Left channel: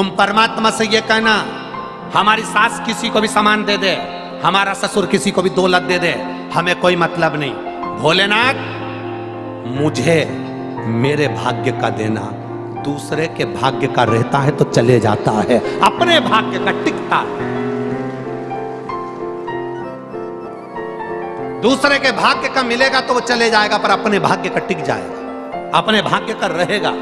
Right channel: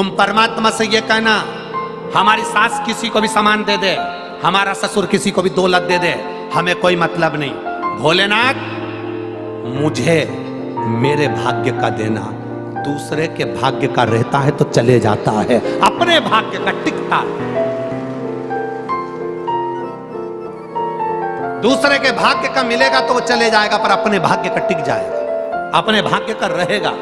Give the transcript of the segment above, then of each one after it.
तुम परमात्मा से ये कहना, हमारी सास किसी को भी सामान दे दे, हमारा ससुर किसी को भी दौलत दे दे, हमें कोई मतलब नहीं, भोलेनाथ मुझे मेरे भाग्य का देना। दूसरे के भाग्य का रहता है तो चले जाता है, अपने भाग्य का टिकता है। दूसरे के भाग्य का मिलेगा तो वो चले जाएगा, पर अपने भाग्य का टिक जाएगा, अपने भाग्य का रहेगा।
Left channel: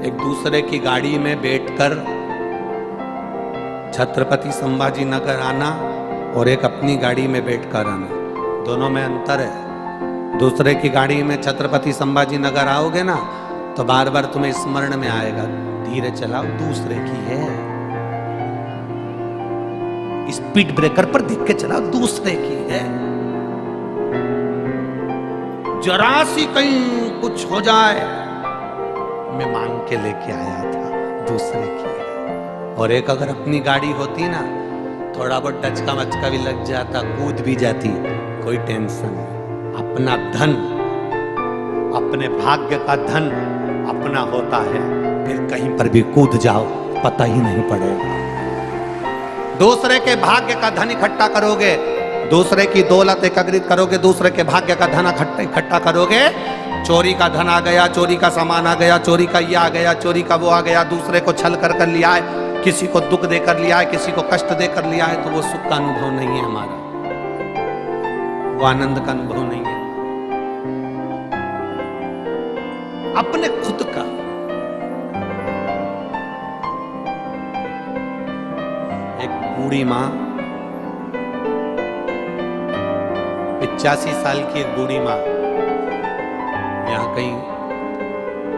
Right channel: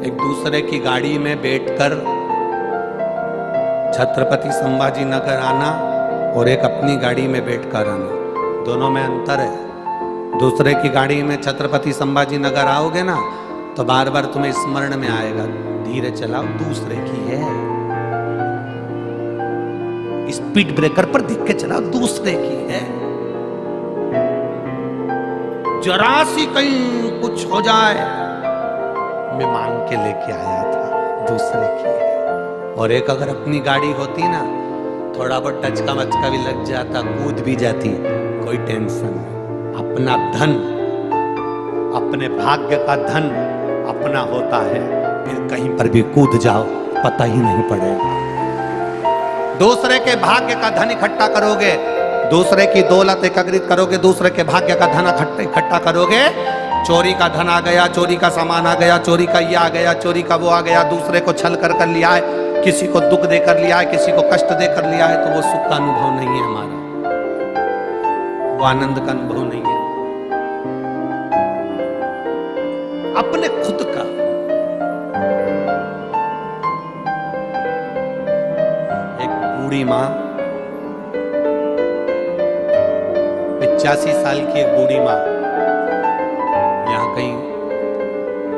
एक दूसरे की गाड़ी में बैठकर छत्रपति संभाजी नगर आना और एक अपनी गाड़ी में बैठकर आना, दोनों में अंतर है। दूसरे की गाड़ी में छत्रपति संभाजी नगर आओगे ना तो बार बार तुम्हें स्मरण में आएगा, धीरे चलाओ, दूसरे की है। स्पीड ब्रेकर पर देख के चलाओ, दूसरे की है। जरा सी कहीं कुछ हो जाए, मैं मांग के लेके आया था, दूसरे की है। और एक अगर अपनी गाड़ी होती ना, थोड़ा बहुत टचका मचका भी लग जाता, कूद भी जाती, कोई टेंशन नहीं। अपना धन, अपने भाग्य का धन अपना होता है, फिर कहीं पर भी कूद जाओ पता ही नहीं पड़ेगा। दूसरे के भाग्य का धन इकट्ठा करोगे, दूसरे की दौलत एकत्रित करोगे, दूसरे के भाग्य का धन इकट्ठा करोगे, चोरी का धन आ गया, चोरी का सामान आ गया, चोरी का ये आ गया, चोरी का वो आ गया, दूसरे को छल कर लिया है, किसी को दुख देकर लिया है, किसी को कष्ट देकर लिया है, तो वो सुख का अनुभव नहीं है हमारा, वो आनंद का अनुभव नहीं है। अपने खुद का। एक बूढ़ी मां, 85 साल की एक बूढ़ी मां यहाँ कहीं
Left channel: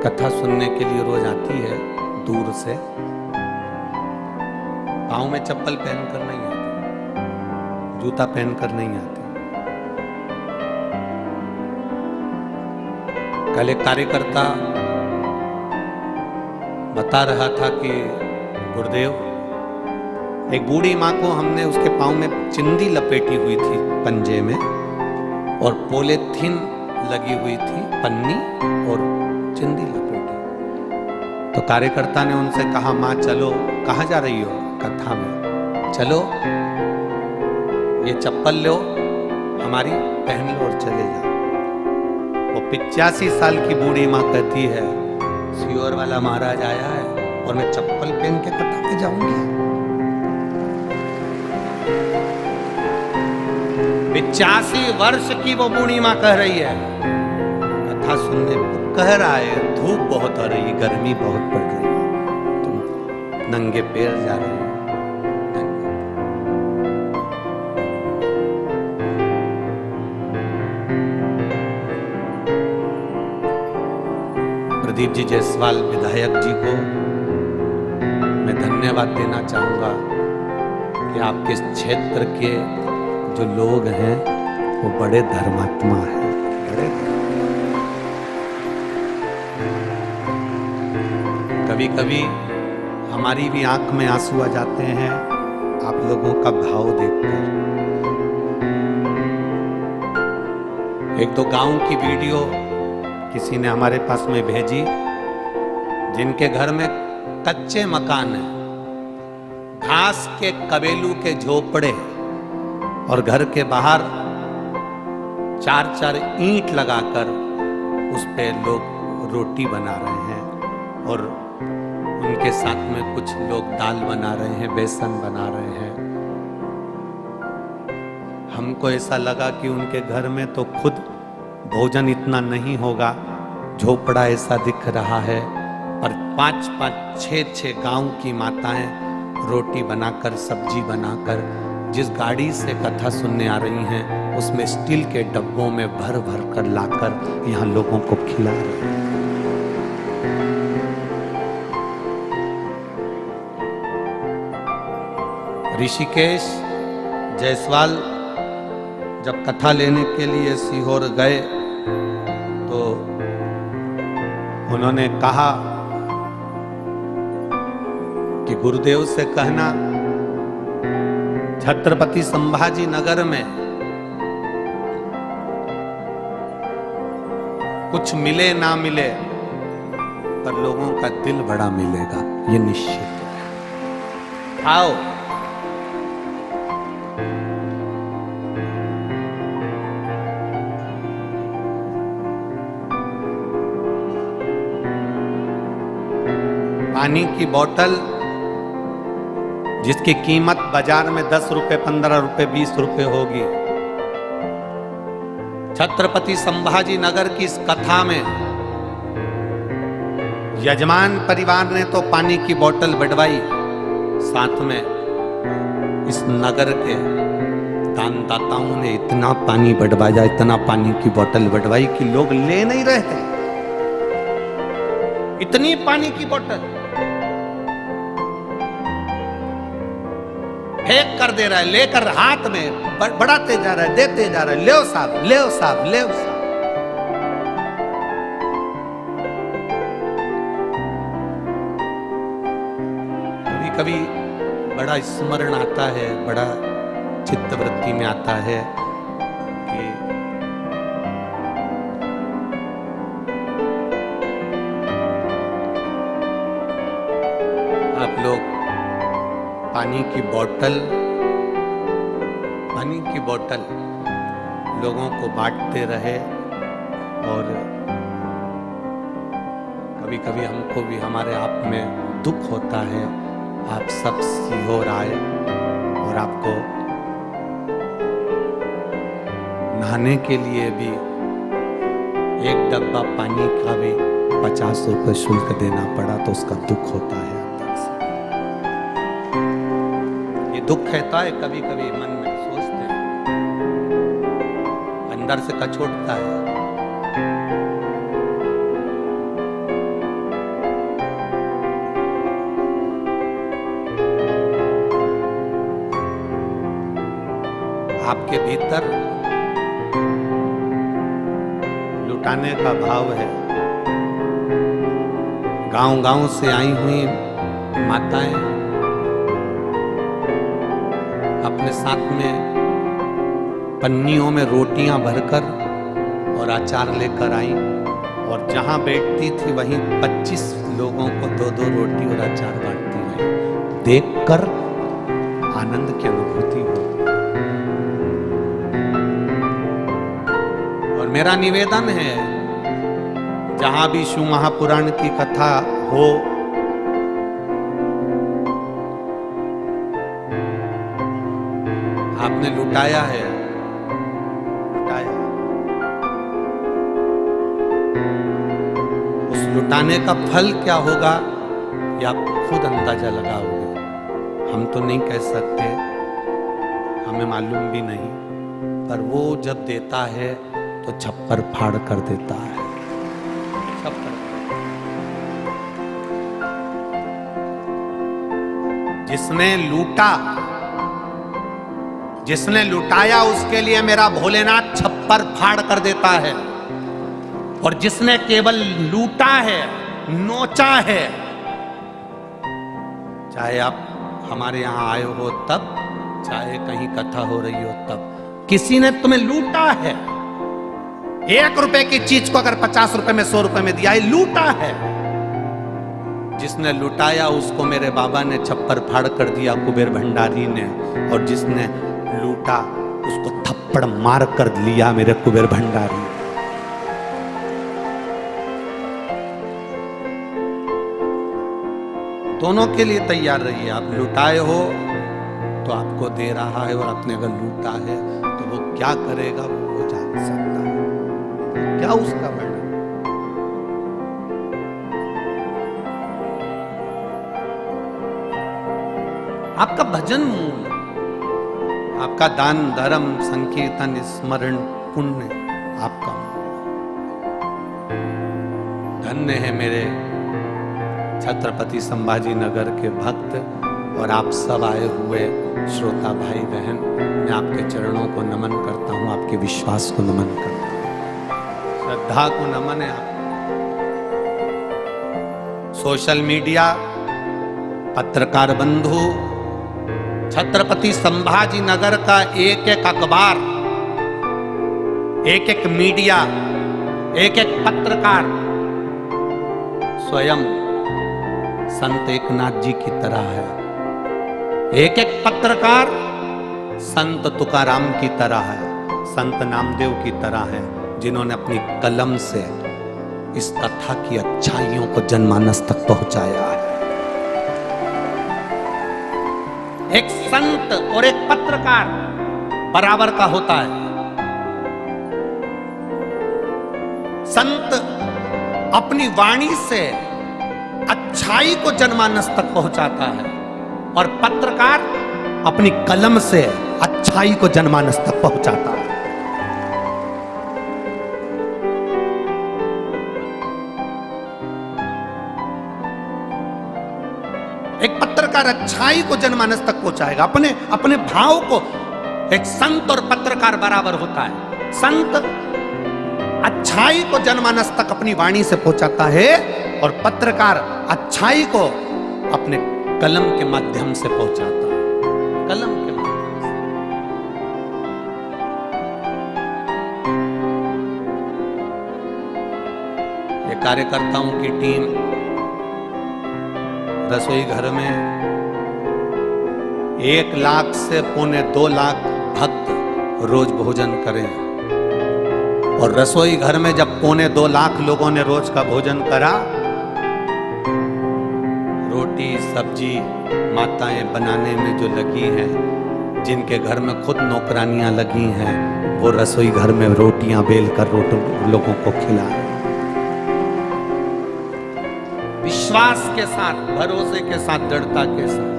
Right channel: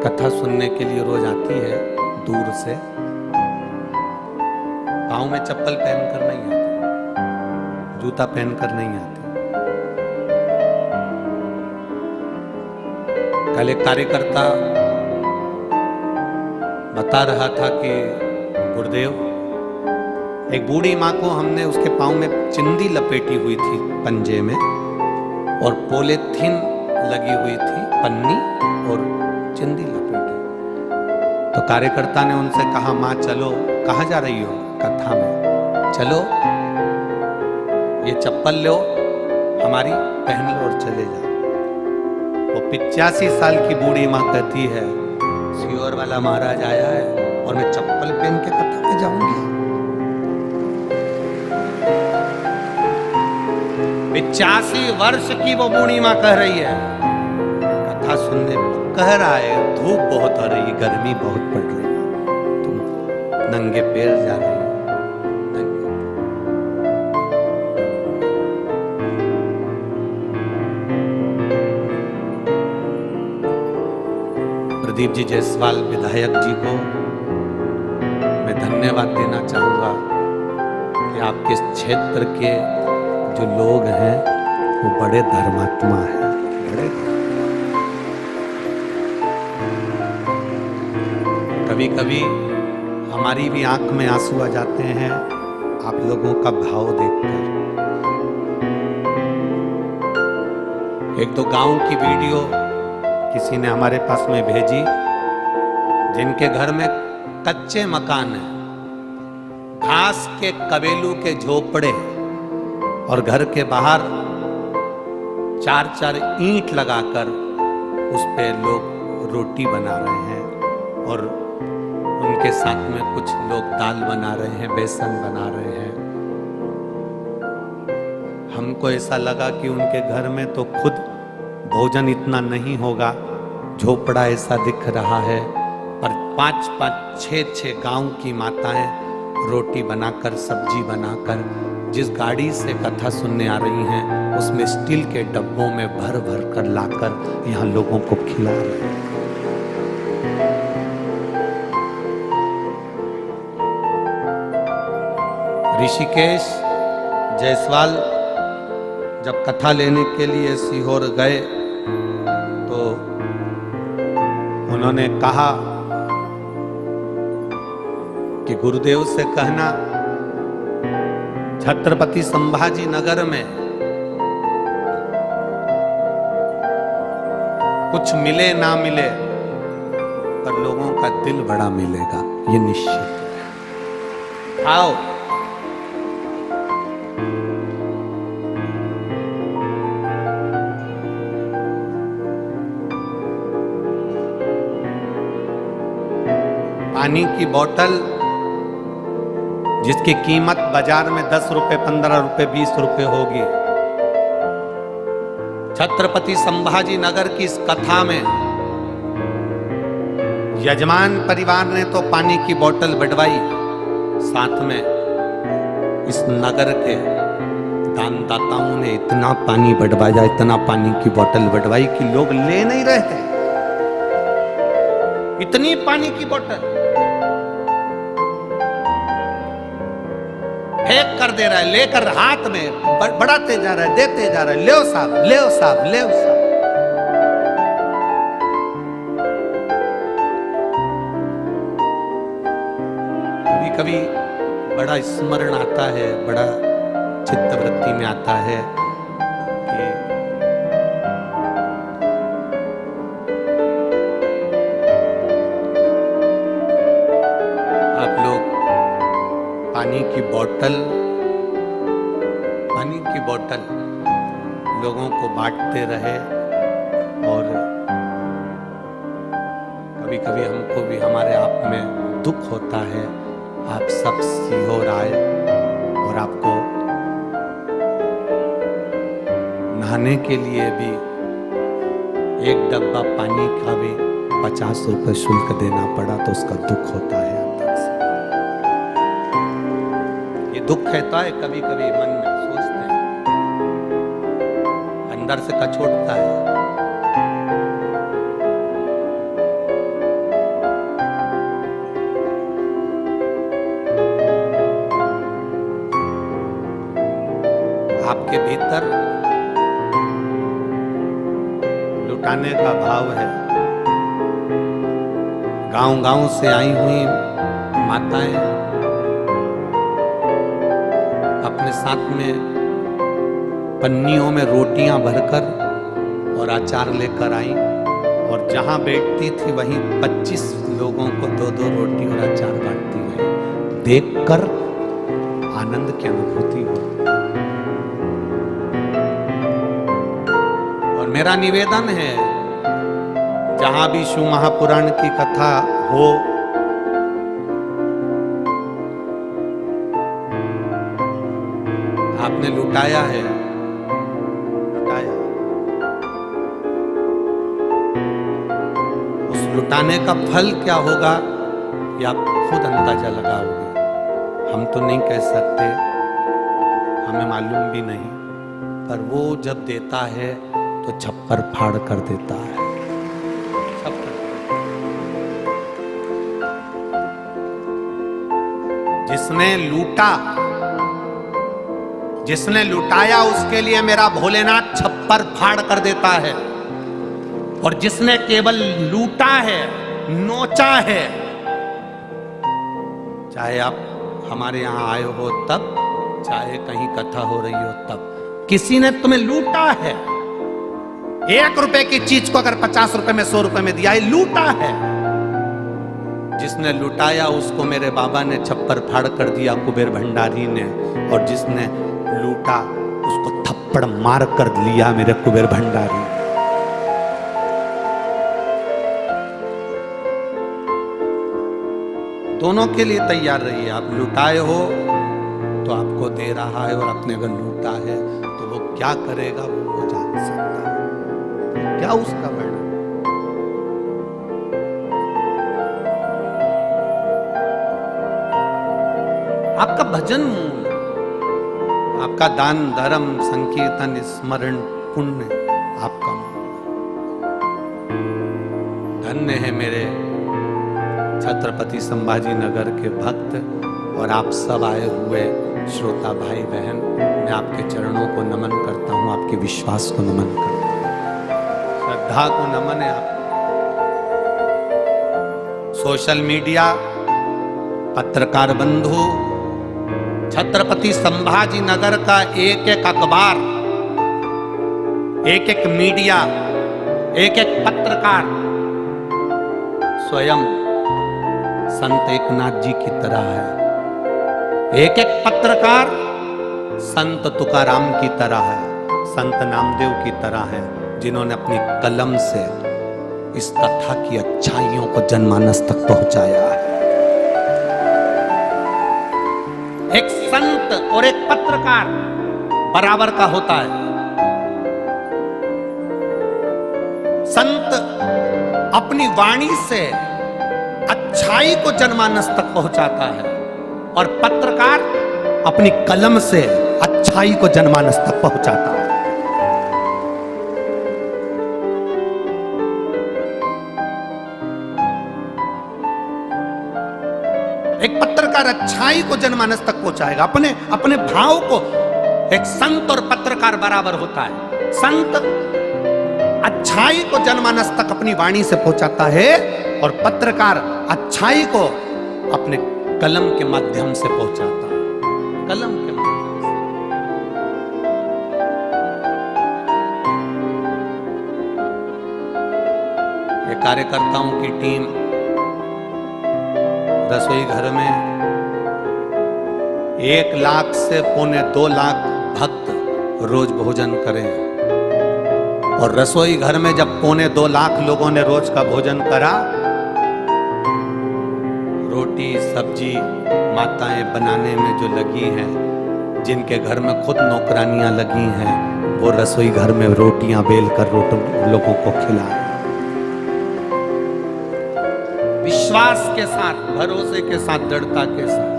कथा सुनने के लिए रोज आती है दूर से। पाँव में चप्पल पहनकर नहीं आती, जूता पहनकर नहीं आती। कल एक कार्यकर्ता बता रहा था कि गुरुदेव, एक बूढ़ी माँ को हमने उसके पाँव में चिंदी लपेटी हुई थी पंजे में, और पॉलीथीन लगी हुई थी, पन्नी और चिंदी लपेटी। तो कार्यकर्ता ने उनसे कहा, माँ चलो, कहाँ जा रही हो? कथा में। चलो ये चप्पल लो हमारी, पहन लो और चले जाओ। वो 85 साल की बूढ़ी माँ कहती है, सियोर वाला महाराज आया है और मैं चप्पल पहन के कथा में जाऊंगी? 85 वर्ष की वो बूढ़ी माँ कह रही है, कथा सुनने कह रहा है, धूप बहुत हो रही है, गर्मी बहुत पड़ रही है, तुम नंगे पैर जा रही हो। प्रदीप जी जायसवाल विधायक जी को मैं धन्यवाद देना चाहूंगा कि आपके क्षेत्र के जो लोग हैं वो बड़े धर्मात्मा हैं, बड़े। कभी कभी हमारी भी आंख में आंसू आ जाते हैं आप लोगों का भाव देखकर। एक तो गांव की वीडियो किसी ने हमारे पास में भेजी, जिनके घर में कच्चे मकान है, घास के कबेलू के झोपड़े, और घर के बाहर 4-4 ईंट लगाकर उस पे लोग रोटी बना रहे हैं, और उनके साथ में कुछ लोग दाल बना रहे हैं, बेसन बना रहे हैं। हमको ऐसा लगा कि उनके घर में तो खुद भोजन इतना नहीं होगा, झोपड़ा ऐसा दिख रहा है, पर 5-5, 6-6 गांव की माताएं रोटी बनाकर, सब्जी बनाकर, जिस गाड़ी से कथा सुनने आ रही हैं उसमें स्टील के डब्बों में भर भर कर लाकर यहाँ लोगों को खिला रहे हैं। ऋषिकेश जायसवाल जब कथा लेने के लिए सीहोर गए तो उन्होंने कहा कि गुरुदेव से कहना छत्रपति संभाजी नगर में कुछ मिले ना मिले पर लोगों का दिल बड़ा मिलेगा, ये निश्चित है। आओ पानी की बोतल जिसकी कीमत बाजार में 10 रुपए, 15 रुपए, 20 रुपए होगी, छत्रपति संभाजी नगर की इस कथा में यजमान परिवार ने तो पानी की बोतल बढ़वाई, साथ में इस नगर के दानदाताओं ने इतना पानी बढ़वाया, इतना पानी की बोतल बढ़वाई कि लोग ले नहीं रहे थे। इतनी पानी की बोतल फेंक कर दे रहा है, लेकर हाथ में बढ़ाते जा रहा है, देते जा रहा है, ले साहब, ले साहब, ले साहब। कभी कभी बड़ा स्मरण आता है, बड़ा चित्तवृत्ति में आता है कि आप लोग पानी की बोतल लोगों को बांटते रहे, और कभी कभी हमको भी हमारे आप में दुख होता है। आप सब सीहोर आए और आपको नहाने के लिए भी एक डब्बा पानी का भी 50 रुपए शुल्क देना पड़ा, तो उसका दुख होता है अंदर से। ये दुख कहता है, कभी कभी मन में सोचते हैं, अंदर से कचोटता है। आपके भीतर लुटाने का भाव है। गांव-गांव से आई हुई माताएं अपने साथ में पन्नियों में रोटियां भरकर और अचार लेकर आई, और जहां बैठती थी वहीं 25 लोगों को 2-2 रोटी और अचार बांटती रही। देखकर आनंद की अनुभूति हो। और मेरा निवेदन है, जहां भी शिव महापुराण की कथा हो, आपने लुटाया है, लुटाया, उस लुटाने का फल क्या होगा ये आप खुद अंदाजा लगाओगे। हम तो नहीं कह सकते, हमें मालूम भी नहीं, पर वो जब देता है तो छप्पर फाड़ कर देता है। छप्पर जिसने लुटाया उसके लिए मेरा भोलेनाथ छप्पर फाड़ कर देता है, और जिसने केवल लूटा है, नोचा है, चाहे आप हमारे यहां आए हो तब, चाहे कहीं कथा हो रही हो तब, किसी ने तुम्हें लूटा है। 1 रुपए की चीज को अगर 50 रुपए में, 100 रुपए में दिया, लूटा है। जिसने लुटाया उसको मेरे बाबा ने छप्पर फाड़ कर दिया, कुबेर भंडारी ने, और जिसने लूटा उसको थप्पड़ मार कर लिया मेरे कुबेर भंडारी। दोनों के लिए तैयार रहिए। आप लुटाए हो तो आपको दे रहा है, और अपने अगर लूटा है तो वो क्या करेगा वो जान सकता है। क्या उसका वर्णन। आपका भजन मूल, आपका दान धर्म संकीर्तन स्मरण पुण्य आपका मूल। धन्य है मेरे छत्रपति संभाजी नगर के भक्त और आप सब आए हुए श्रोता भाई बहन। मैं आपके चरणों को नमन करता हूं, आपके विश्वास को नमन करता हूं, श्रद्धा को नमन है। आप सोशल मीडिया, पत्रकार बंधु, छत्रपति संभाजी नगर का एक एक अखबार, एक एक मीडिया, एक एक पत्रकार स्वयं संत एकनाथ जी की तरह है। एक एक पत्रकार संत तुकाराम की तरह है, संत नामदेव की तरह है, जिन्होंने अपनी कलम से इस कथा की अच्छाइयों को जनमानस तक पहुंचाया है। एक संत और एक पत्रकार बराबर का होता है। संत अपनी वाणी से अच्छाई को जनमानस तक पहुंचाता है और पत्रकार अपनी कलम से अच्छाई को जनमानस तक पहुंचाता है। एक पत्रकार अच्छाई को जनमानस तक पहुंचाएगा, अपने अपने भाव को। एक संत और पत्रकार बराबर होता है। संत अच्छाई को जनमानस तक अपनी वाणी से पहुंचाता है और पत्रकार अच्छाई को अपने कलम के माध्यम से पहुंचाता है। कलम के माध्यम से। ये कार्यकर्ताओं की टीम रसोई घर में 1 लाख से 1.25 लाख भक्त रोज भोजन करें। और रसोई घर में जब 1.25 लाख लोगों ने रोज का भोजन करा, रोटी सब्जी माताएं बनाने में जो लगी हैं, जिनके घर में खुद नौकरानियां लगी हैं, वो रसोई घर में रोटियां बेल कर लोगों को खिलाएं। विश्वास के साथ, भरोसे के साथ, दृढ़ता के साथ।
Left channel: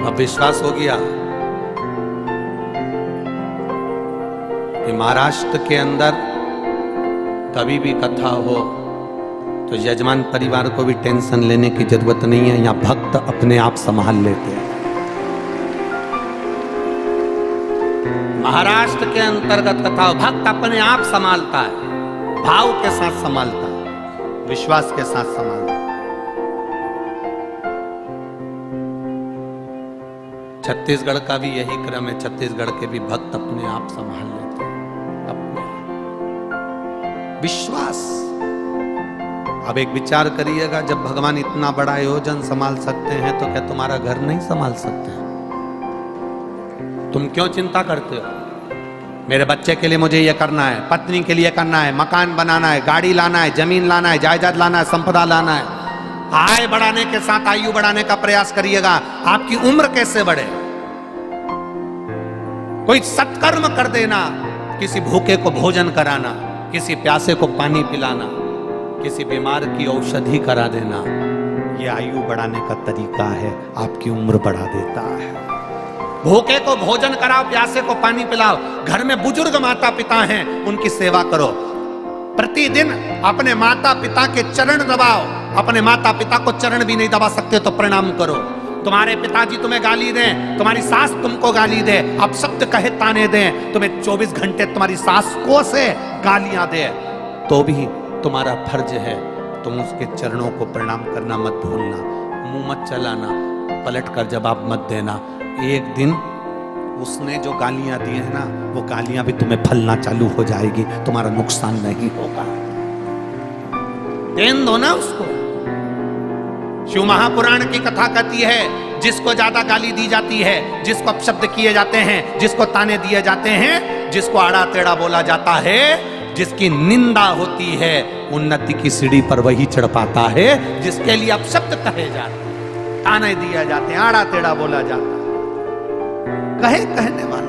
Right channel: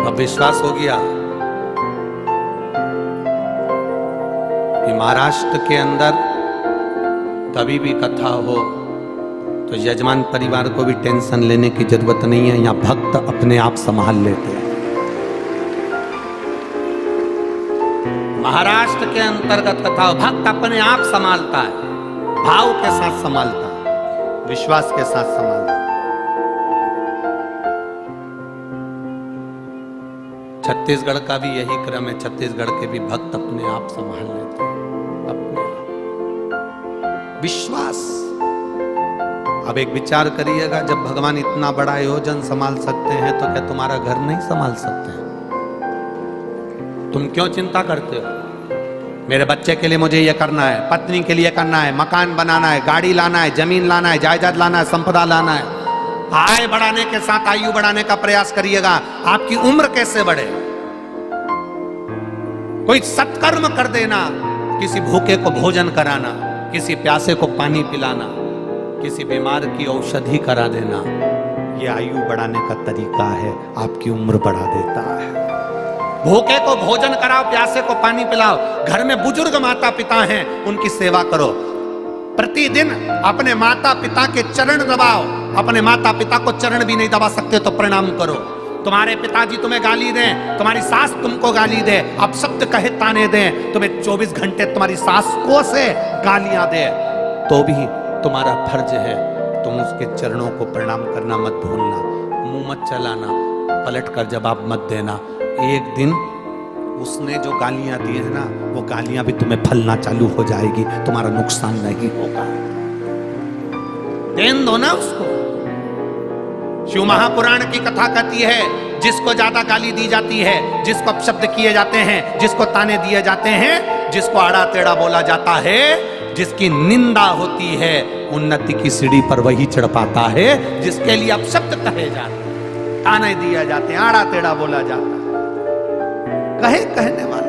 अब विश्वास हो गया कि महाराष्ट्र के अंदर कभी भी कथा हो तो यजमान परिवार को भी टेंशन लेने की जरूरत नहीं है। यहां भक्त अपने आप संभाल लेते हैं। महाराष्ट्र के अंतर्गत कथा भक्त अपने आप संभालता है, भाव के साथ संभालता है, विश्वास के साथ संभालता है। छत्तीसगढ़ का भी यही क्रम है। छत्तीसगढ़ के भी भक्त अपने आप संभाल लेते हैं, अपने आप। विश्वास। अब एक विचार करिएगा, जब भगवान इतना बड़ा आयोजन संभाल सकते हैं तो क्या तुम्हारा घर नहीं संभाल सकते हैं? तुम क्यों चिंता करते हो? मेरे बच्चे के लिए मुझे ये करना है, पत्नी के लिए करना है, मकान बनाना है, गाड़ी लाना है, जमीन लाना है, जायदाद लाना है, संपदा लाना है। आय बढ़ाने के साथ आयु बढ़ाने का प्रयास करिएगा। आपकी उम्र कैसे बढ़े? कोई सत्कर्म कर देना, किसी भूखे को भोजन कराना, किसी प्यासे को पानी पिलाना, किसी बीमार की औषधि करा देना, ये आयु बढ़ाने का तरीका है, आपकी उम्र बढ़ा देता है। भूखे को भोजन कराओ, प्यासे को पानी पिलाओ। घर में बुजुर्ग माता पिता हैं, उनकी सेवा करो। प्रतिदिन अपने माता पिता के चरण दबाओ। अपने माता पिता को चरण भी नहीं दबा सकते तो प्रणाम करो। तुम्हारे पिताजी तुम्हें गाली दें, तुम्हारी सास तुमको गाली दे, अब शब्द कहे ताने दें, तुम्हें 24 घंटे तुम्हारी सास को से गालियां दे, तो भी तुम्हारा फर्ज है तुम उसके चरणों को प्रणाम करना मत भूलना। मुंह मत चलाना, पलट कर जवाब मत देना। एक दिन उसने जो गालियां दी है ना, वो गालियां भी तुम्हें फलना चालू हो जाएगी, तुम्हारा नुकसान नहीं होगा। देन दो ना उसको। शिव महापुराण की कथा कहती है, जिसको ज्यादा गाली दी जाती है, जिसको अपशब्द किए जाते हैं, जिसको ताने दिए जाते हैं, जिसको आड़ा टेढ़ा बोला जाता है, जिसकी निंदा होती है, उन्नति की सीढ़ी पर वही चढ़ पाता है। जिसके लिए अपशब्द कहे जाते हैं, ताने दिए जाते हैं, आड़ा टेढ़ा बोला जाता है, कहे कहने वाला।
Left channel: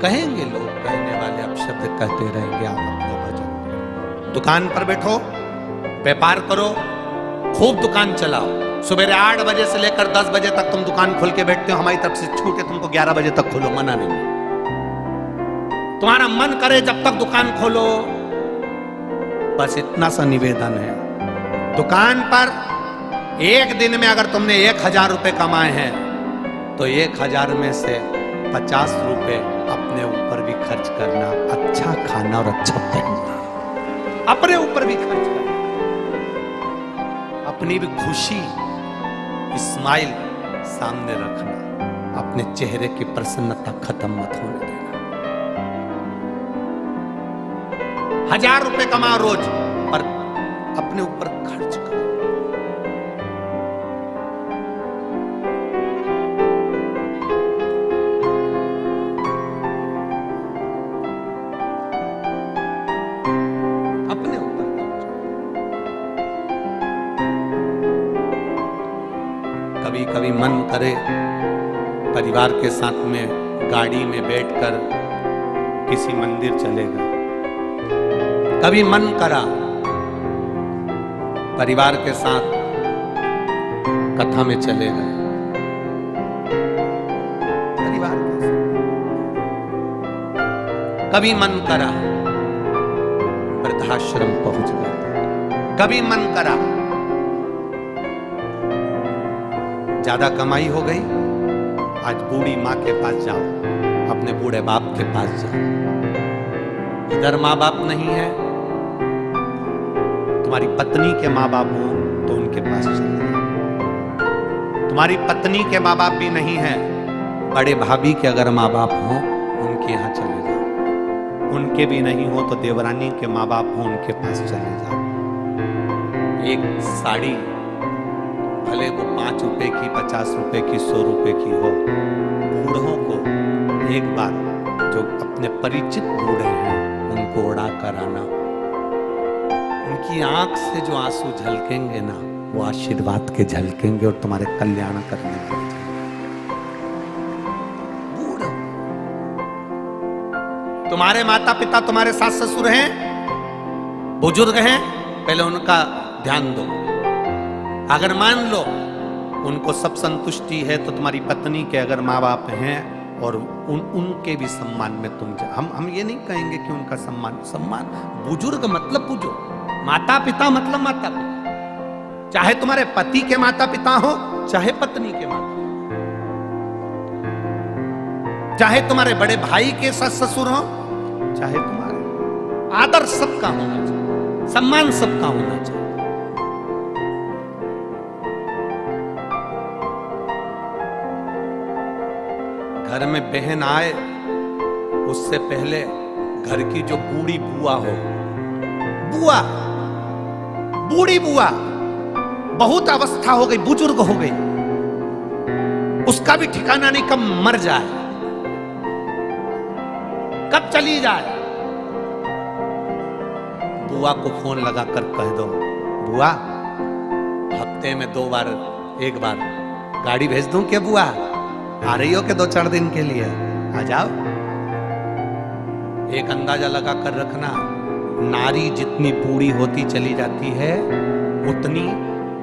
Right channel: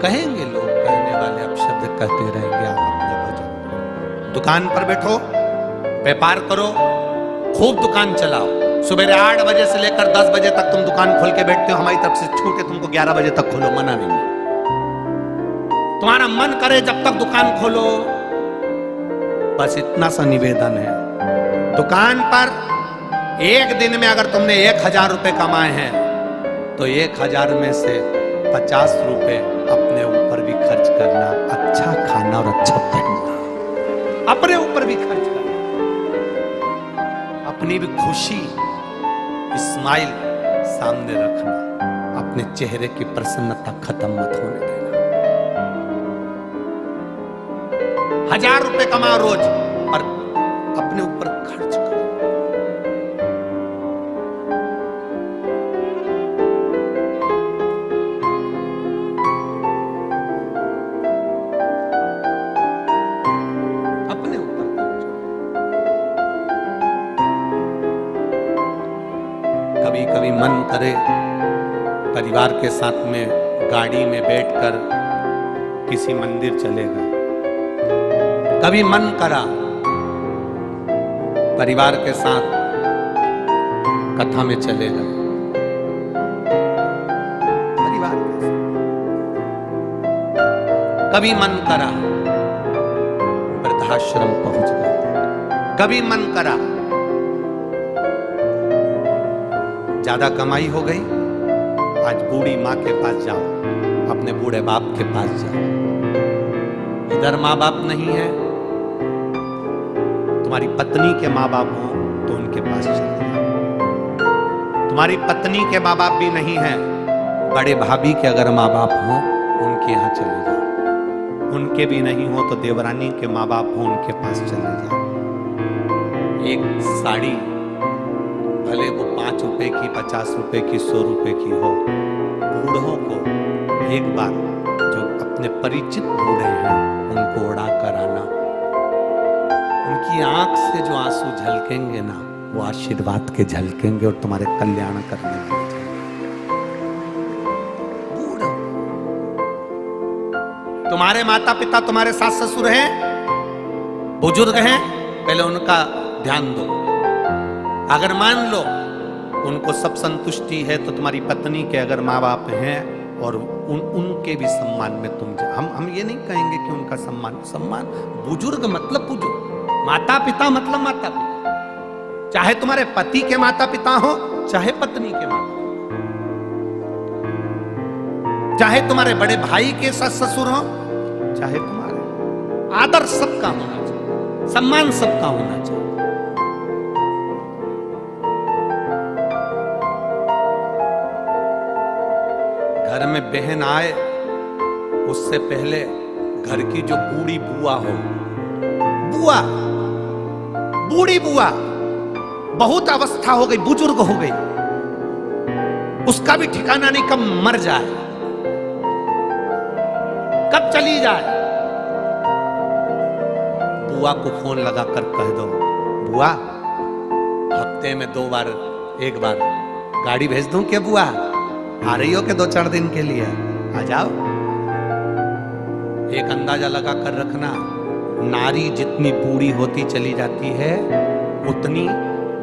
कहेंगे लोग, कहने वाले अपशब्द कहते रहेंगे। आप अपने भजन, दुकान पर बैठो, व्यापार करो, खूब दुकान चलाओ। सुबह 8 बजे से लेकर 10 बजे तक तुम दुकान खोल के बैठते हो, हमारी तरफ से छूट है, तुमको 11 बजे तक खोलो, मना नहीं। तुम्हारा मन करे जब तक दुकान खोलो। बस इतना सा निवेदन है, दुकान पर एक दिन में अगर तुमने 1000 रुपए कमाए हैं तो 1000 में से 50 रुपए अपने ऊपर भी खर्च करना, अच्छा खाना और अच्छा पहनना, अपने ऊपर भी खर्च करना, अपनी भी खुशी स्माइल सामने रखना, अपने चेहरे की प्रसन्नता खत्म मत होने देना। 1000 रुपए कमा रोज, पर अपने ऊपर खर्च करो। अपने ऊपर खर्च करो। कभी कभी मन करे परिवार के साथ में गाड़ी में बैठकर किसी मंदिर चले गए, कभी मन करा परिवार के साथ कथा में चले गए, परिवार के साथ, कभी मन करा वृद्धाश्रम पहुंच गए, कभी मन करा ज्यादा कमाई हो गई, आज बूढ़ी माँ के पास जाओ, अपने बूढ़े बाप के पास जाओ। इधर माँ बाप नहीं है, तुम्हारी पत्नी के माँ बाप हो तो उनके पास चले जाओ। तुम्हारी पत्नी के माँ बाप भी नहीं है, बड़े भाभी के अगर माँ बाप हो उनके यहाँ चले जाओ। उनके भी नहीं हो तो देवरानी के माँ बाप हो उनके पास चले जाओ। एक साड़ी भले वो 5 रुपए की, 50 रुपए की, 100 रुपए की हो, बूढ़ों को एक बार जो अपने परिचित बूढ़े हैं उनको उड़ा कर आना, उनकी आंख से जो आंसू झलकेंगे ना वो आशीर्वाद के झलकेंगे और तुम्हारे कल्याण करने वाले बूढ़े। तुम्हारे माता पिता, तुम्हारे सास ससुर हैं, बुजुर्ग हैं, पहले उनका ध्यान दो। अगर मान लो उनको सब संतुष्टि है तो तुम्हारी पत्नी के अगर माँ बाप हैं और उनके भी सम्मान में तुम हम ये नहीं कहेंगे कि उनका सम्मान बुजुर्ग मतलब बुजुर्ग, माता पिता मतलब माता पिता, चाहे तुम्हारे पति के माता पिता हो, चाहे पत्नी के माता, चाहे तुम्हारे बड़े भाई के सास ससुर हो, चाहे तुम्हारे, आदर सबका होना चाहिए, सम्मान सबका होना चाहिए। घर में बहन आए उससे पहले घर की जो बूढ़ी बुआ हो, बूढ़ी बुआ, बहुत अवस्था हो गई, बुजुर्ग हो गई, उसका भी ठिकाना नहीं, कब मर जाए, कब चली जाए। बुआ को फोन लगाकर कह दो, बुआ हफ्ते में 2 बार 1 बार गाड़ी भेज दूं क्या बुआ? आ रही हो के 2-4 दिन के लिए आ जाओ। एक अंदाजा लगा कर रखना, नारी जितनी बूढ़ी होती चली जाती है उतनी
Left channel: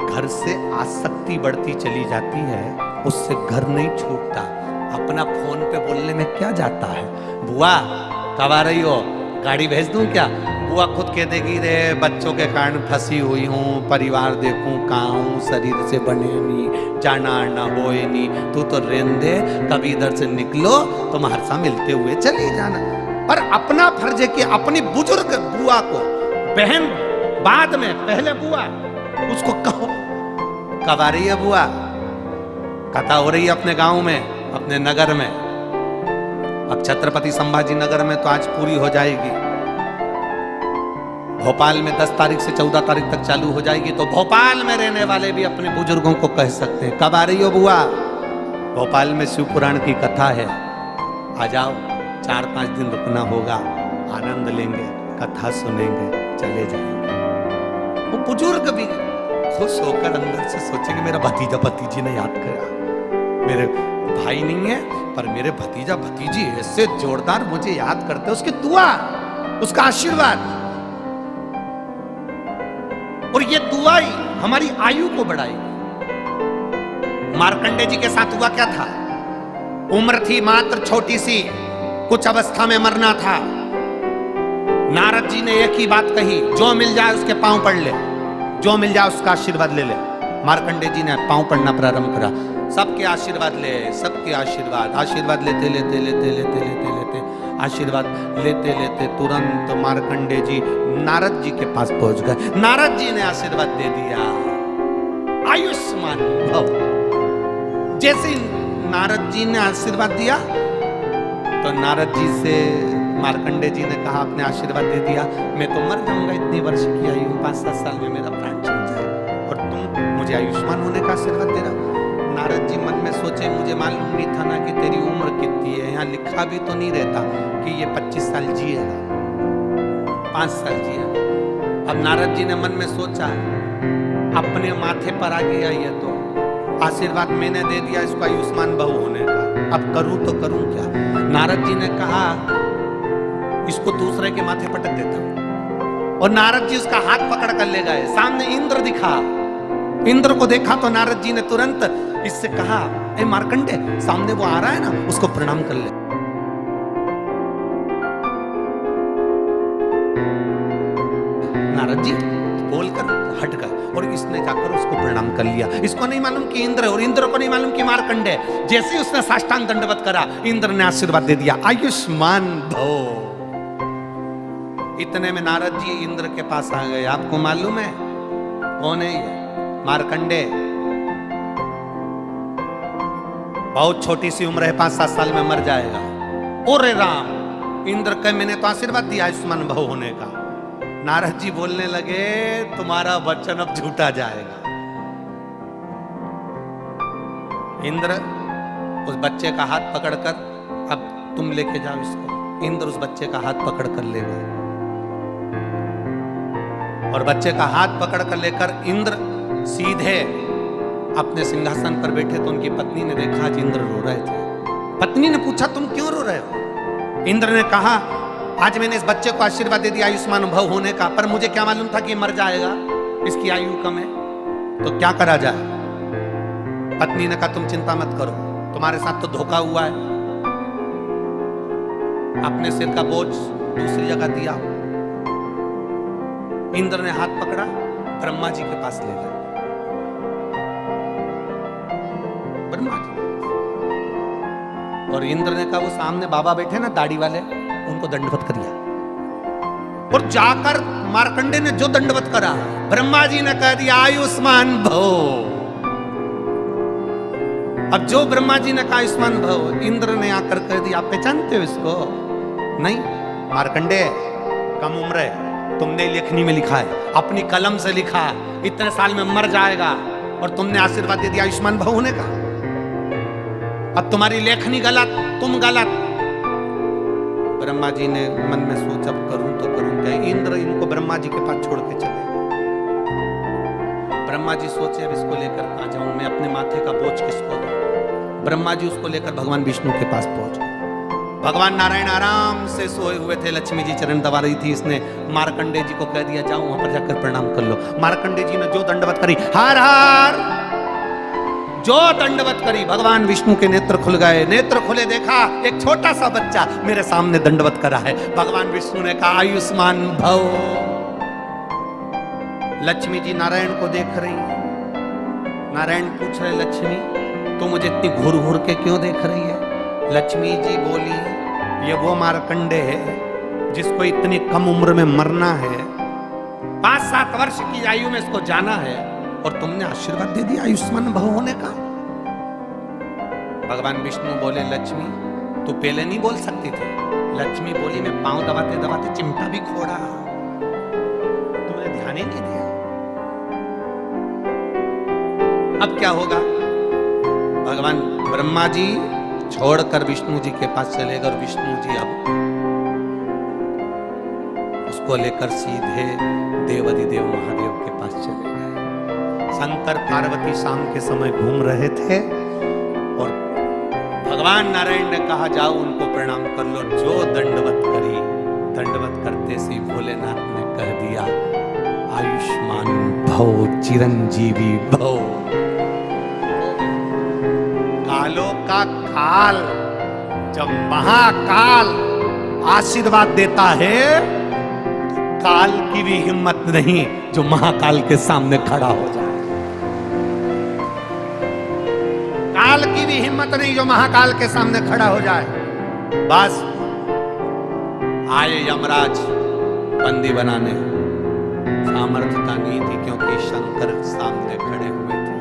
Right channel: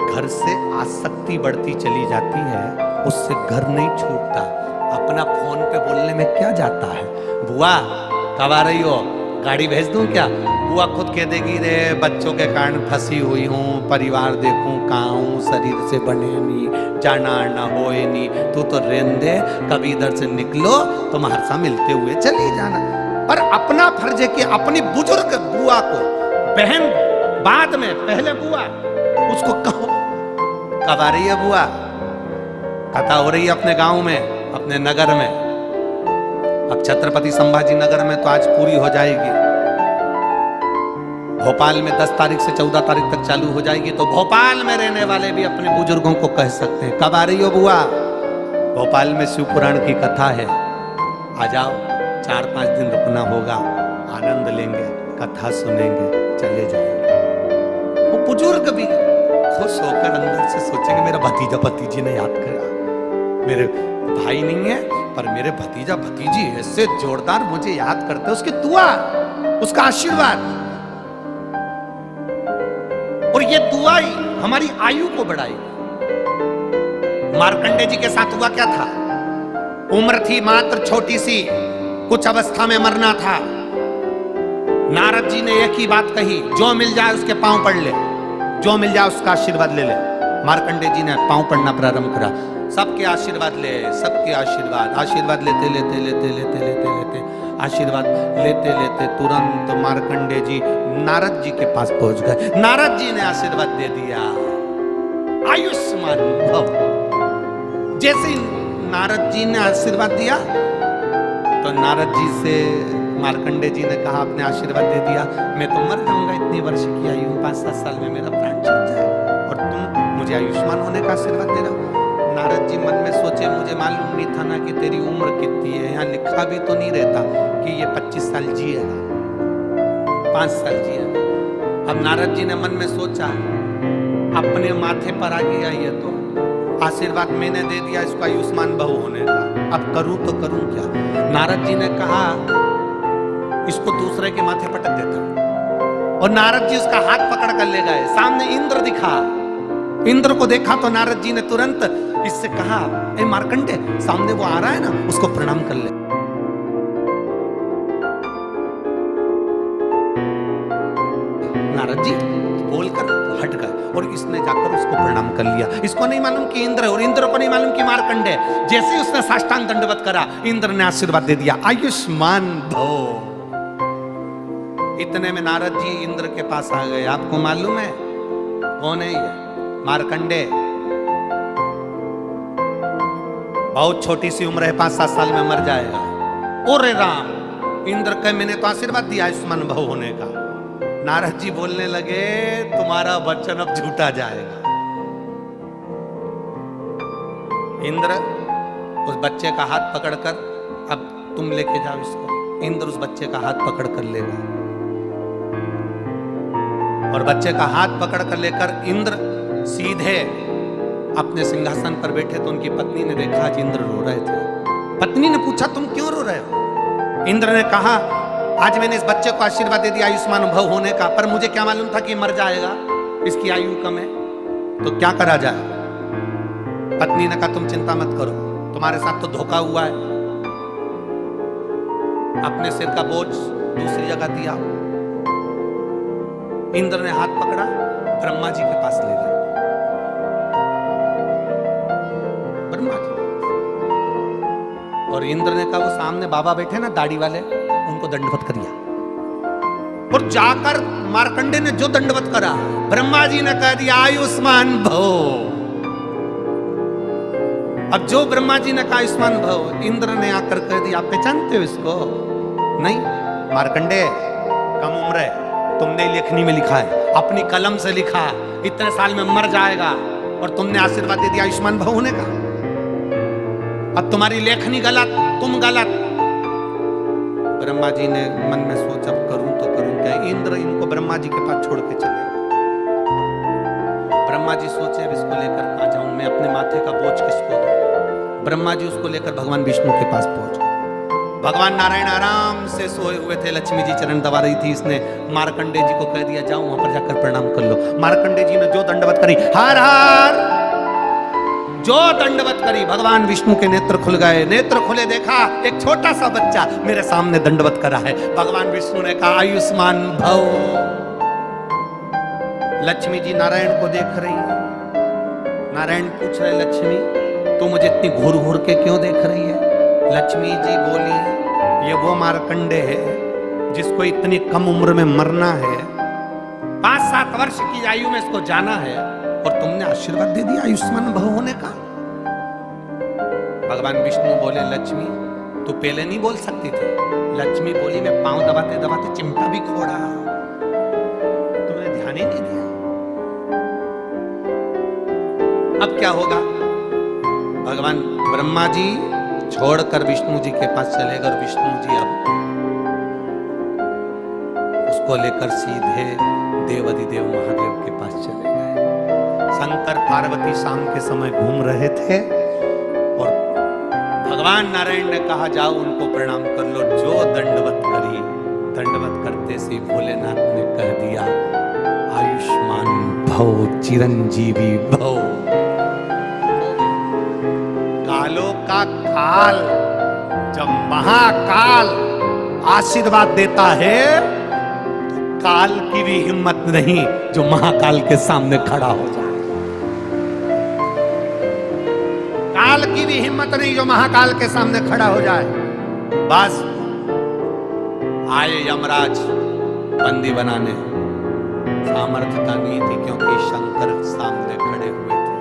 घर से आसक्ति बढ़ती चली जाती है, उससे घर नहीं छूटता। अपना फोन पे बोलने में क्या जाता है, बुआ कब आ रही हो, गाड़ी भेज दूं क्या? बुआ खुद कह देगी, रे बच्चों के कारण फंसी हुई हूँ, परिवार देखूं कहाँ हूँ, शरीर से बने नहीं, जाना आना होए नहीं, तू तो रहने दे, कभी इधर से निकलो तुम हरसा मिलते हुए चली जाना। पर अपना फर्ज है कि अपनी बुजुर्ग बुआ को, बहन बाद में, पहले बुआ, उसको कहो कब आ रही है बुआ, कथा हो रही है अपने गांव में, अपने नगर में। अब छत्रपति संभाजी नगर में तो आज पूरी हो जाएगी, भोपाल में 10 तारीख से 14 तारीख तक चालू हो जाएगी, तो भोपाल में रहने वाले भी अपने बुजुर्गों को कह सकते हैं, कब आ रही हो बुआ, भोपाल में शिव पुराण की कथा है, आ जाओ, 4-5 दिन रुकना होगा, आनंद लेंगे, कथा सुनेंगे, चले जाएंगे। वो बुजुर्ग भी खुश होकर अंदर से सोचेंगे, मेरा भतीजा भतीजी ने याद किया, मेरे भाई नहीं है पर मेरे भतीजा भतीजी ऐसे जोरदार मुझे याद करते, उसकी दुआ, उसका आशीर्वाद, और ये दुआ ही हमारी आयु को बढ़ाएगी। मार्कंडे जी के साथ हुआ क्या था, उम्र थी मात्र छोटी सी, कुछ अवस्था में मरना था। नारद जी ने एक ही बात कही, जो मिल जाए उसके पांव पड़ ले, जो मिल जाए उसका आशीर्वाद ले ले। मार्कंडे जी ने पांव पड़ना प्रारंभ करा, सबके आशीर्वाद ले, सबके आशीर्वाद लेते लेते लेते लेते लेते लेते आशीर्वाद लेते लेते तुरंत मार्कंडे जी नारद जी के पास पहुंच गए। नारद जी ने आशीर्वाद दे दिया, आयुष्मान भव। जैसे ही नारद जी ने आशीर्वाद दिया तो नारद जी से मार्कंडे जी ने कहा, आपने आशीर्वाद दे दिया, मैं तो मर जाऊंगा, इतनी वर्ष की आयु, 5-7 साल में मेरा प्राण छूट जाएगा, और तुम मुझे आयुष्मान होने का आशीर्वाद दे रहा। नारद जी मन में सोचे, मुझे मालूम नहीं था ना कि तेरी उम्र कितनी है, यहाँ लिखा भी तो नहीं रहता कि ये 25 साल जिएगा, 5 साल जिएगा। अब नारद जी ने मन में सोचा, अपने माथे पर आ गया ये तो आशीर्वाद मैंने दे दिया इसको आयुष्मान बहु होने का, अब करूं तो करूं क्या। नारद जी ने कहा, इसको दूसरे के माथे पटक देता हूं, और नारद जी उसका हाथ पकड़ कर ले गए। सामने इंद्र दिखा, इंद्र को देखा तो नारद जी ने तुरंत इससे कहा, ए मार्कंडे, सामने वो आ रहा है ना, उसको प्रणाम कर ले। नारद जी बोलकर हट गए और इसने जाकर उसको प्रणाम कर लिया। इसको नहीं मालूम कि इंद्र है और इंद्र को नहीं मालूम कि मार्कंडे। जैसे ही उसने साष्टांग दंडवत करा, इंद्र ने आशीर्वाद दे दिया, आयुष्मान भव। इतने में नारद जी इंद्र के पास आ गए। आपको मालूम है कौन है ये? मार्कंडे। बहुत छोटी सी उम्र है, 5-7 साल में मर जाएगा। ओरे राम, इंद्र कहे मैंने तो आशीर्वाद दिया आयुष्मान भव होने का। नारद जी बोलने लगे, तुम्हारा वचन अब झूठा जाएगा। इंद्र उस बच्चे का हाथ पकड़कर, अब तुम लेके जाओ इसको। इंद्र उस बच्चे का हाथ पकड़कर ले गए और बच्चे का हाथ पकड़कर लेकर इंद्र सीधे अपने सिंहासन पर बैठे तो उनकी पत्नी ने देखा आज इंद्र रो रहे थे। पत्नी ने पूछा, तुम क्यों रो रहे हो? इंद्र ने कहा, आज मैंने इस बच्चे को आशीर्वाद दे दिया आयुष्मान भव होने का, पर मुझे क्या मालूम था कि मर जाएगा, इसकी आयु कम है, तो क्या करा जाए? पत्नी ने कहा, तुम चिंता मत करो, तुम्हारे साथ तो धोखा हुआ है, अपने सिर का बोझ दूसरी जगह दिया। इंद्र ने हाथ पकड़ा, ब्रह्मा जी के पास ले गए। ब्रह्मा जी और इंद्र ने कहा, वो सामने बाबा बैठे ना दाढ़ी वाले, उनको दंडवत करिया। और जाकर मार्कंडे ने जो दंडवत करा, ब्रह्मा जी ने कह दिया आयुष्मान भव। अब जो ब्रह्मा जी ने कहा आयुष्मान भव, इंद्र ने आकर कह दिया, आप पहचानते हो इसको? नहीं। मार्कंडे, कम उम्र है, तुमने लेखनी में लिखा है, अपनी कलम से लिखा, इतने साल में मर जाएगा, और तुमने आशीर्वाद दे दिया आयुष्मान भव होने का। अब तुम्हारी लेखनी गलत, तुम गलत। ब्रह्मा जी ने मन में सोचा, अब करूं तो करूं क्या। इंद्र इनको ब्रह्मा जी के पास छोड़ के चले गए। ब्रह्मा जी सोचे, अब इसको लेकर कहां जाऊं मैं, अपने माथे का बोझ किसको दूं। ब्रह्मा जी उसको लेकर भगवान विष्णु के पास पहुंच गए। भगवान नारायण आराम से सोए हुए थे, लक्ष्मी जी चरण दबा रही थी। इसने मार्कंडे जी को कह दिया, जाओ वहां पर जाकर प्रणाम कर लो। मार्कंडे जी ने जो दंडवत करी, हार हार, जो दंडवत करी, भगवान विष्णु के नेत्र खुल गए। नेत्र खुले, देखा एक छोटा सा बच्चा मेरे सामने दंडवत करा है। भगवान विष्णु ने कहा आयुष्मान भव। लक्ष्मी जी नारायण को देख रही। नारायण पूछ रहे, लक्ष्मी तू मुझे इतनी घूर घूर के क्यों देख रही है? लक्ष्मी जी बोली, ये वो मार्कंडे है जिसको इतनी कम उम्र में मरना है, 5-7 वर्ष की आयु में इसको जाना है, और तुमने आशीर्वाद दे दिया आयुष्मान भव होने का। भगवान विष्णु बोले, लक्ष्मी तू पहले नहीं बोल सकती थी? लक्ष्मी बोली, मैं पांव दबाते दबाते चिमटा भी खोड़ा, तुमने ध्यान ही नहीं दिया। अब क्या होगा? भगवान ब्रह्मा जी छोड़कर विष्णु जी के पास चले गए, और विष्णु जी अब उसको लेकर सीधे देवाधिदेव महादेव के पास चले गए। शंकर पार्वती शाम के समय घूम रहे थे, और भगवान नारायण ने कहा, जाओ उनको प्रणाम कर लो। जो दंडवत करी, दंडवत करते से भोलेनाथ ने कह दिया आयुष्मान भव, चिरंजीवी भव। कालों का काल, जब महाकाल आशीर्वाद देता है, काल की भी हिम्मत नहीं जो महाकाल के सामने खड़ा हो जाए। काल की भी हिम्मत नहीं जो महाकाल के सामने खड़ा हो जाए। बस आए यमराज बंदी बनाने, सामर्थ्यता नहीं थी क्योंकि शंकर सामने खड़े हुए थे।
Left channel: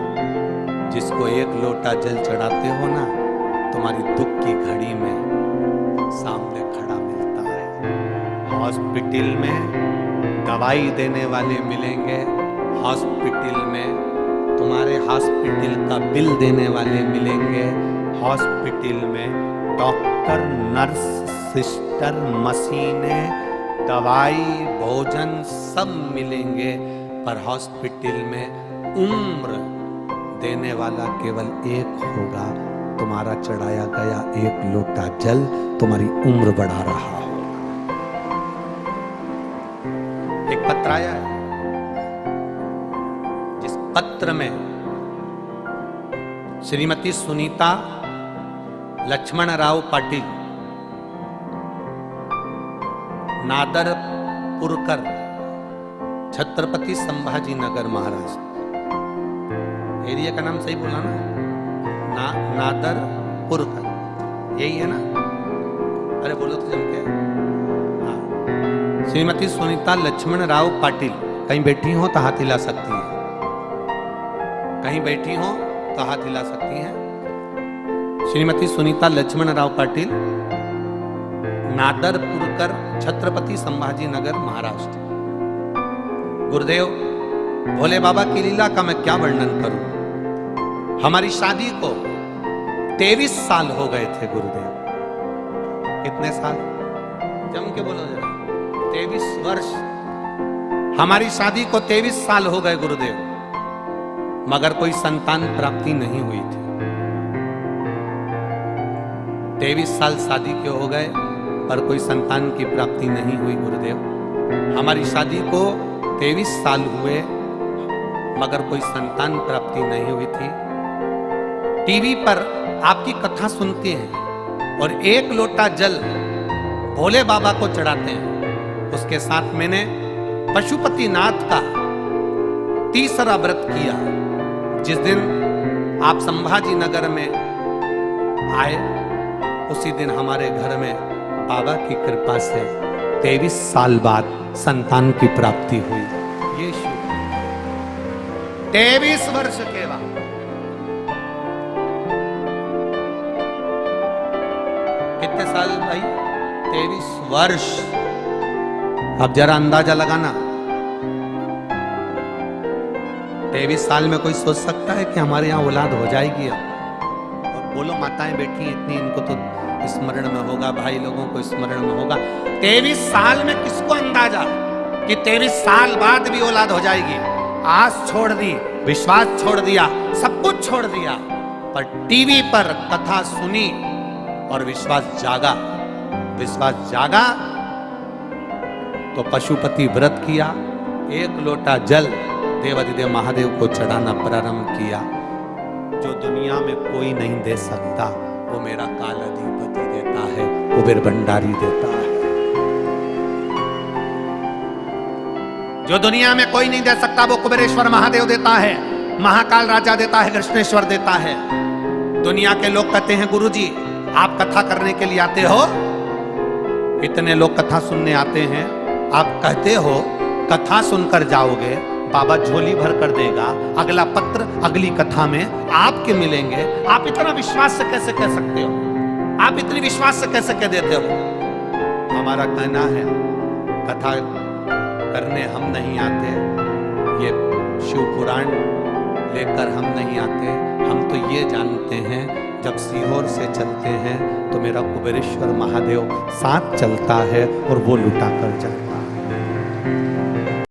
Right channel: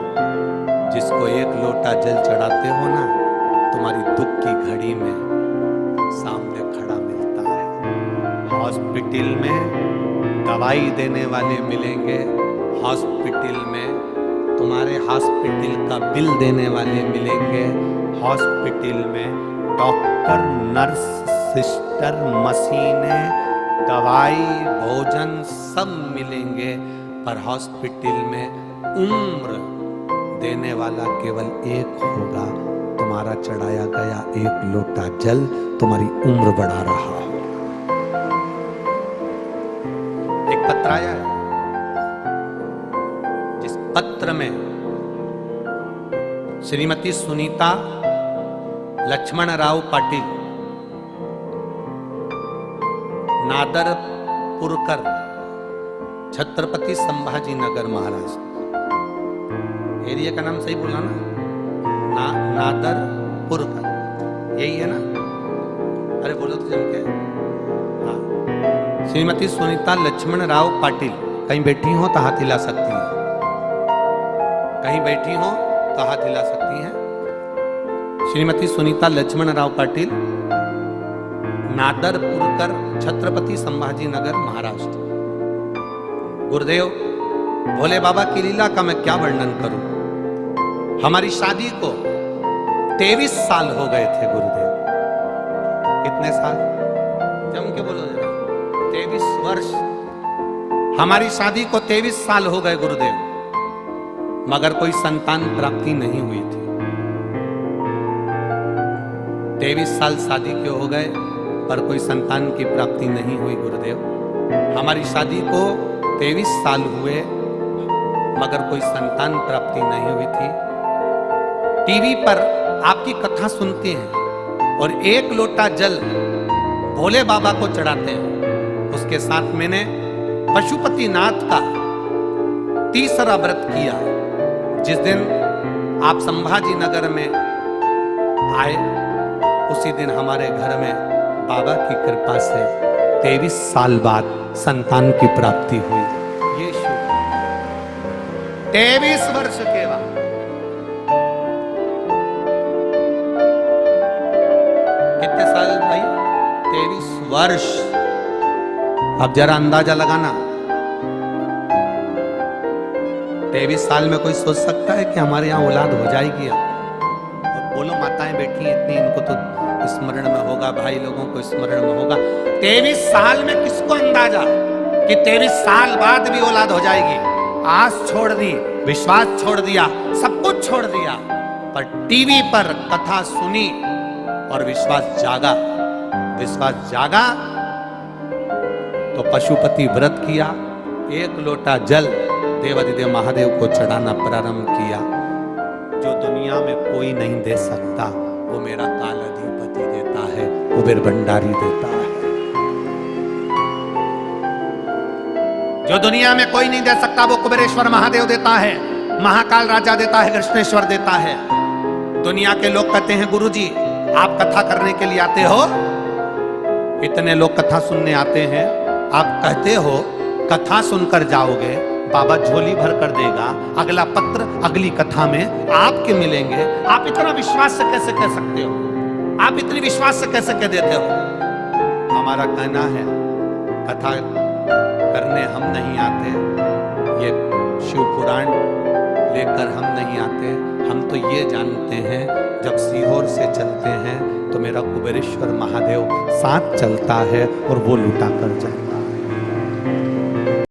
जिसको एक लोटा जल चढ़ाते हो ना, तुम्हारी दुख की घड़ी में सामने खड़ा मिलता है। हॉस्पिटल में दवाई देने वाले मिलेंगे, हॉस्पिटल में तुम्हारे हॉस्पिटल का बिल देने वाले मिलेंगे, हॉस्पिटल में डॉक्टर, नर्स, सिस्टर, मशीनें, दवाई, भोजन सब मिलेंगे, पर हॉस्पिटल में उम्र देने वाला केवल एक होगा। तुम्हारा चढ़ाया गया एक लोटा जल तुम्हारी उम्र बढ़ा रहा हो। एक पत्र आया है, जिस पत्र में श्रीमती सुनीता लक्ष्मणराव पाटिल, नादरपुरकर, छत्रपति संभाजी नगर, महाराष्ट्र। एरिया का नाम सही बोला ना? नादरपुरकर, यही है ना? अरे बोलो तो जम के। हाँ, श्रीमती सुनीता लक्ष्मणराव पाटिल कहीं बैठी हो तो हाथ हिला सकती है, कहीं बैठी हो तो हाथ हिला सकती हैं। श्रीमती सुनीता लक्ष्मणराव पाटिल, नादरपुरकर, छत्रपति संभाजी नगर, महाराष्ट्र। गुरुदेव, भोले बाबा की लीला का मैं क्या वर्णन करूं। हमारी शादी को 23 साल हो गए थे गुरुदेव। कितने साल? जम के बोलो जरा। 23 वर्ष। हमारी शादी को 23 साल हो गए गुरुदेव, मगर कोई संतान प्राप्ति नहीं हुई थी। 23 साल शादी के हो गए पर कोई संतान की प्राप्ति नहीं हुई गुरुदेव। हमारी शादी को 23 साल हुए मगर कोई संतान प्राप्ति नहीं हुई थी। टीवी पर आपकी कथा सुनते हैं और एक लोटा जल भोले बाबा को चढ़ाते हैं। उसके साथ मैंने पशुपतिनाथ का तीसरा व्रत किया। जिस दिन आप संभाजी नगर में आए, उसी दिन हमारे घर में बाबा की कृपा से 23 साल बाद संतान की प्राप्ति हुई। ये शुभ 23 वर्ष के बाद। कितने साल भाई? 23 वर्ष। अब जरा अंदाजा लगाना, 23 साल में कोई सोच सकता है कि हमारे यहाँ औलाद हो जाएगी? अब और बोलो माताएं बैठी इतनी, इनको तो स्मरण में होगा, भाई लोगों को स्मरण में होगा। 23 साल में किसको अंदाजा कि 23 साल बाद भी औलाद हो जाएगी? आस छोड़ दी, विश्वास छोड़ दिया, सब कुछ छोड़ दिया, पर टीवी पर कथा सुनी और विश्वास जागा। विश्वास जागा तो पशुपति व्रत किया, एक लोटा जल देवाधिदेव महादेव को चढ़ाना प्रारंभ किया। जो दुनिया में कोई नहीं दे सकता वो मेरा काल अधिपति देता है, कुबेर भंडारी देता है। जो दुनिया में कोई नहीं दे सकता वो कुबेरेश्वर महादेव देता है, महाकाल राजा देता है, कृष्णेश्वर देता है। दुनिया के लोग कहते हैं गुरुजी आप कथा करने के लिए आते हो, इतने लोग कथा सुनने आते हैं, आप कहते हो कथा सुनकर जाओगे, बाबा झोली भर कर देगा, अगला पत्र अगली कथा में आपके मिलेंगे। आप इतना विश्वास से कैसे कह सकते हो? आप इतनी विश्वास से कैसे कह देते हो? हमारा कहना है कथा करने हम नहीं आते, ये शिव पुराण लेकर हम नहीं आते। हम तो ये जानते हैं जब सीहोर से चलते हैं तो मेरा कुबेरेश्वर महादेव साथ चलता है और वो लुटा कर जाए।